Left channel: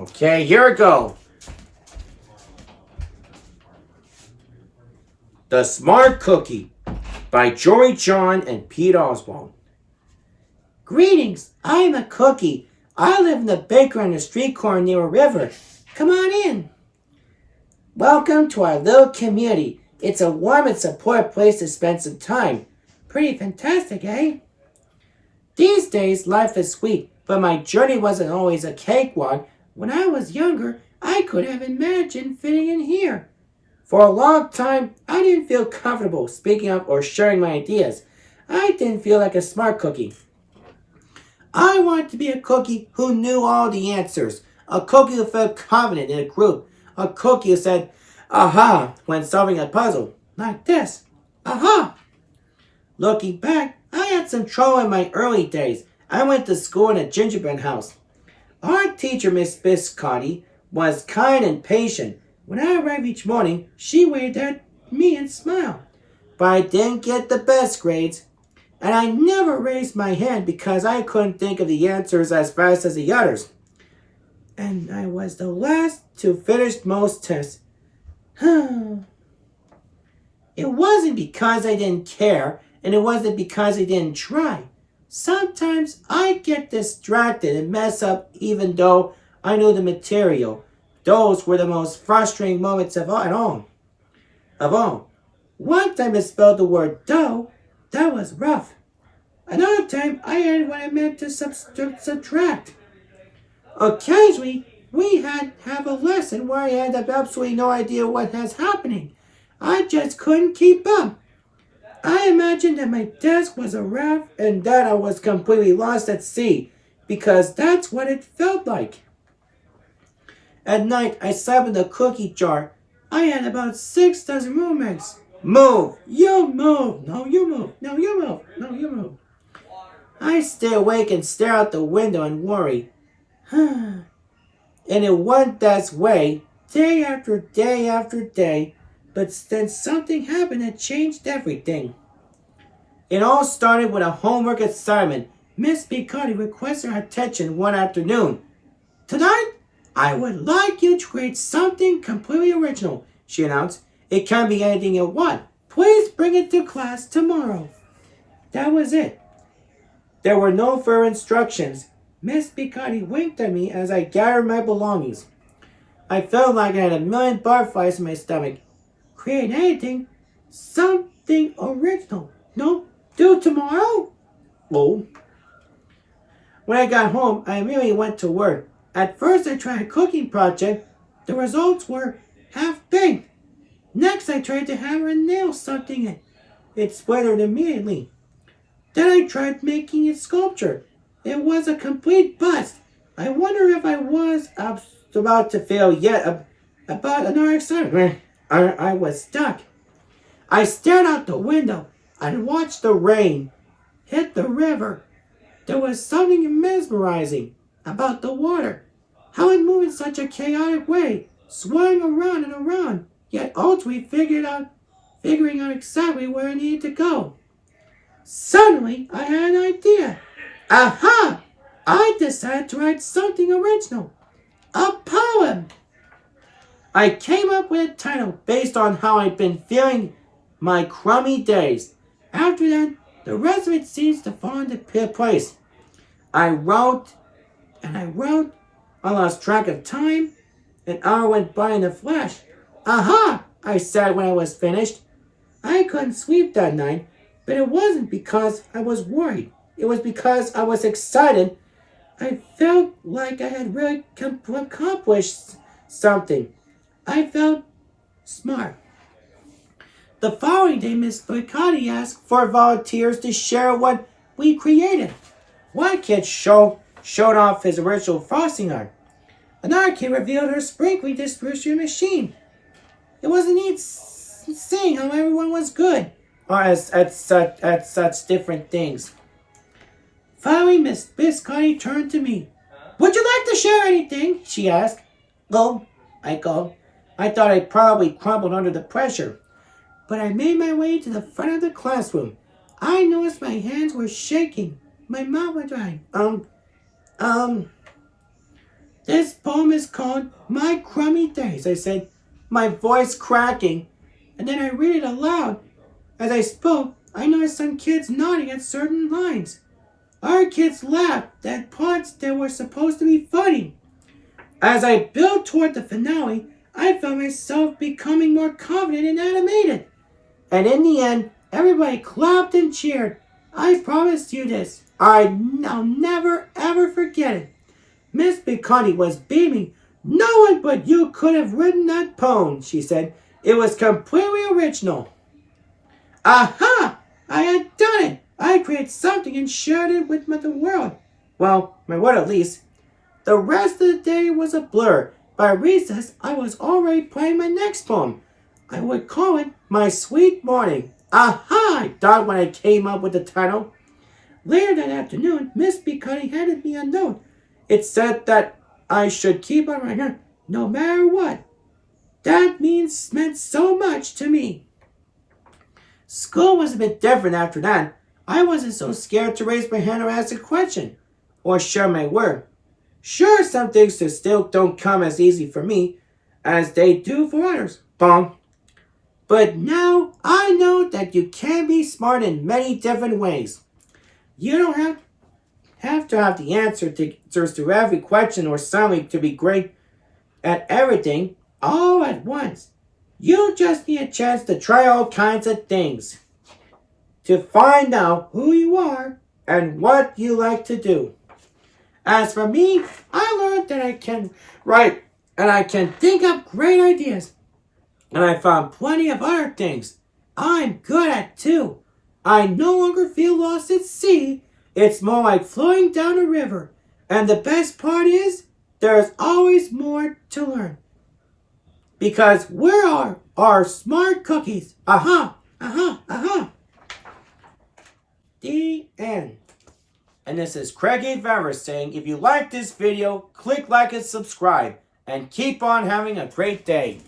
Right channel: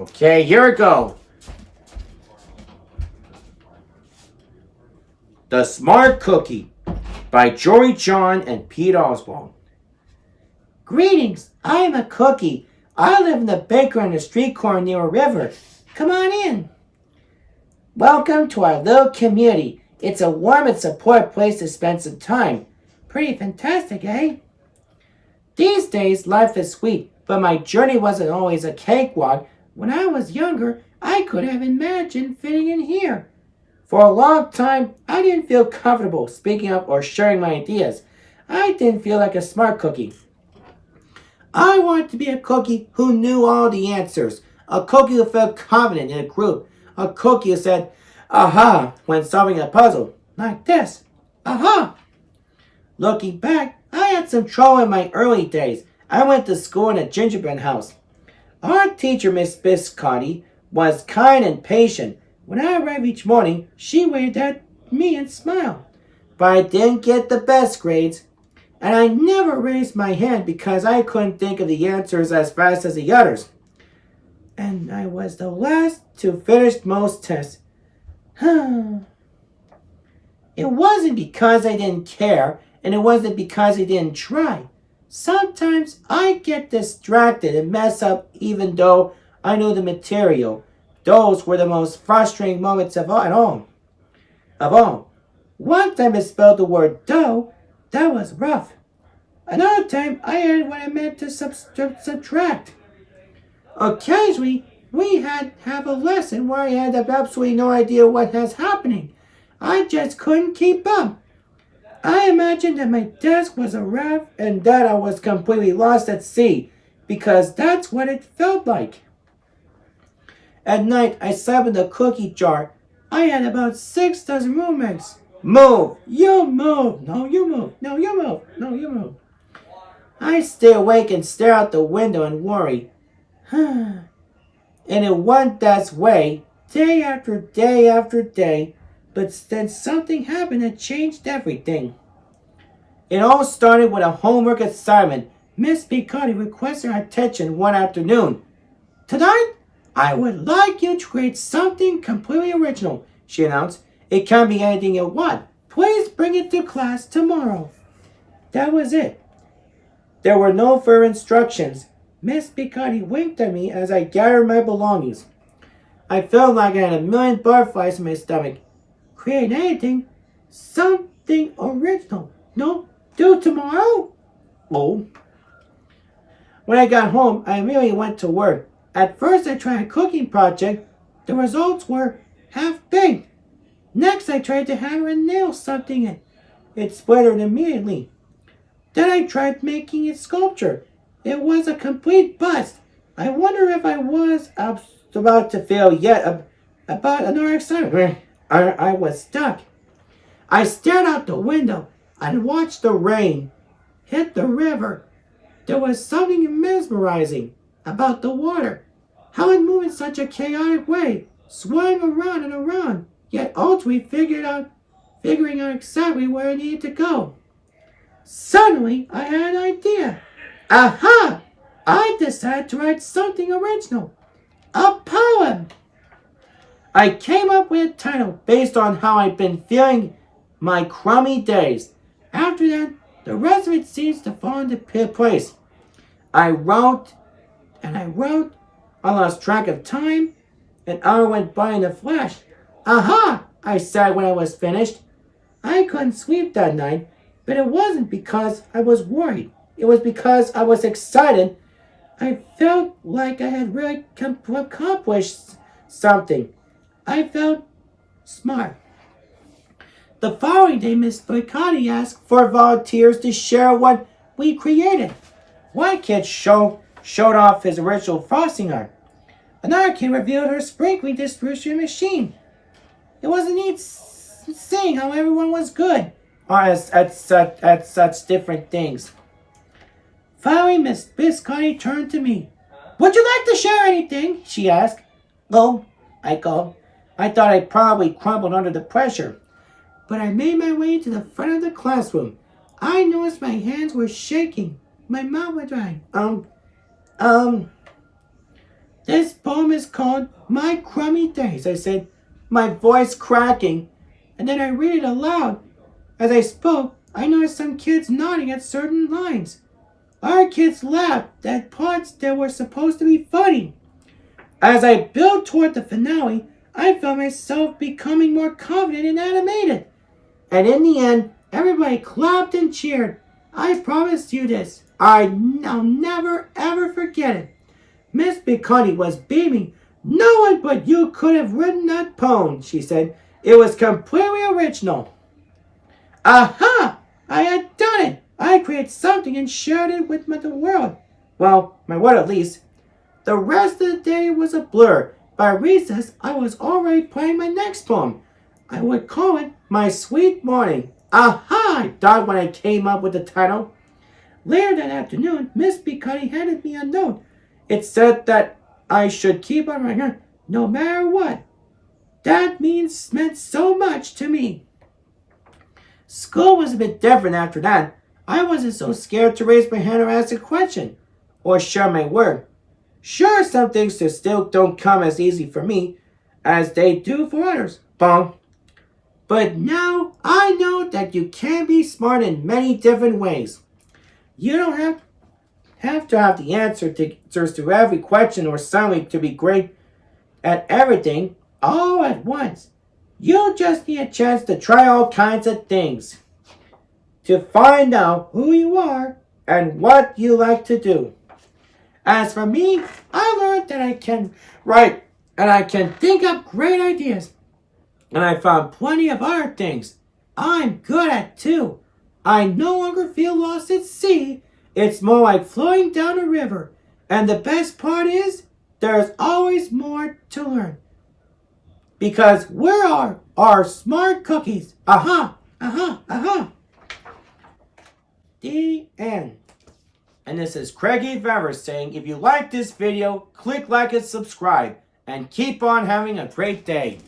Okay, here we go. The Smart Cookie by Jory John and Pete Oswald. Greetings, I'm a cookie. I live in the bakery on the street corner near a river. Come on in. Welcome to our little community. It's a warm and supportive place to spend some time. Pretty fantastic, eh? These days, life is sweet, but my journey wasn't always a cakewalk. When I was younger, I could have imagined fitting in here. For a long time, I didn't feel comfortable speaking up or sharing my ideas. I didn't feel like a smart cookie. I wanted to be a cookie who knew all the answers, a cookie who felt confident in a group, a cookie who said, aha, when solving a puzzle, like this, aha. Looking back, I had some trouble in my early days. I went to school in a gingerbread house. Our teacher, Miss Biscotti, was kind and patient. When I arrived each morning, she waved at me and smiled. But I didn't get the best grades. And I never raised my hand because I couldn't think of the answers as fast as the others. And I was the last to finish most tests. It wasn't because I didn't care, and it wasn't because I didn't try. Sometimes I get distracted and mess up even though I knew the material. Those were the most frustrating moments of all. One time I spelled the word dough. That was rough. Another time I added what I meant to subtract. Occasionally, we have a lesson where I had absolutely no idea what was happening. I just couldn't keep up. I imagined that my desk was a raft and that I was completely lost at sea, because that's what it felt like. At night, I slept in the cookie jar. I had about 6 dozen roommates. Move! You move! No, you move! No, you move! No, you move! I stay awake and stare out the window and worry. And it went that way, day after day after day, but then something happened that changed everything. It all started with a homework assignment. Miss Picotti requested our attention one afternoon. Tonight, I would like you to create something completely original, she announced. It can be anything you want. Please bring it to class tomorrow. That was it. There were no further instructions. Miss Picotti winked at me as I gathered my belongings. I felt like I had a million butterflies in my stomach. Create anything, something original. No, do tomorrow? Oh. When I got home, I immediately went to work. At first, I tried a cooking project. The results were half-baked. Next, I tried to hammer and nail something in. It splintered immediately. Then I tried making a sculpture. It was a complete bust. I wonder if I was about to fail yet about another assignment. I was stuck. I stared out the window and watched the rain hit the river. There was something mesmerizing about the water. How it moved in such a chaotic way, swirling around and around, yet ultimately figuring out exactly where it needed to go. Suddenly, I had an idea. Aha! I decided to write something original. A poem. I came up with a title based on how I'd been feeling my crummy days. After that, the rest of it seems to fall into place. I wrote, I lost track of time. An hour went by in a flash. Aha! I said when I was finished. I couldn't sleep that night, but it wasn't because I was worried. It was because I was excited. I felt like I had really accomplished something. I felt smart. The following day, Miss Picotti asked for volunteers to share what we created. One kid showed off his original frosting art. Another kid revealed her sprinkling distribution machine. It was neat seeing how everyone was good at such different things. Finally, Miss Biscotti turned to me. Would you like to share anything? She asked. Oh, I called. I thought I probably crumbled under the pressure. But I made my way to the front of the classroom. I noticed my hands were shaking. My mouth was dry. This poem is called called My Crummy Days, I said, my voice cracking, and then I read it aloud. As I spoke, I noticed some kids nodding at certain lines. Our kids laughed at parts that were supposed to be funny. As I built toward the finale, I felt myself becoming more confident and animated. And in the end, everybody clapped and cheered. I promise you this. I'll never ever forget it. Miss Picotti was beaming. No one but you could have written that poem, she said. It was completely original. Aha! I had done it! I created something and shared it with the world. Well, my word at least. The rest of the day was a blur. By recess, I was already planning my next poem. I would call it My Sweet Morning. Aha! I thought when I came up with the title. Later that afternoon, Miss Picotti handed me a note. It said that I should keep on writing no matter what. That meant so much to me. School was a bit different after that. I wasn't so scared to raise my hand or ask a question, or share my word. Sure, some things still don't come as easy for me as they do for others. Bong. But now I know that you can be smart in many different ways. You don't have to have the answers to every question or suddenly to be great at everything all at once. You just need a chance to try all kinds of things to find out who you are and what you like to do. As for me, I learned that I can write and I can think up great ideas. And I found plenty of other things I'm good at too. I no longer feel lost at sea. It's more like flowing down a river. And the best part is, there's always more to learn. Because we are smart cookies. Aha, aha, aha. The end. And this is Craig Avery saying, if you like this video, click like and subscribe. And keep on having a great day.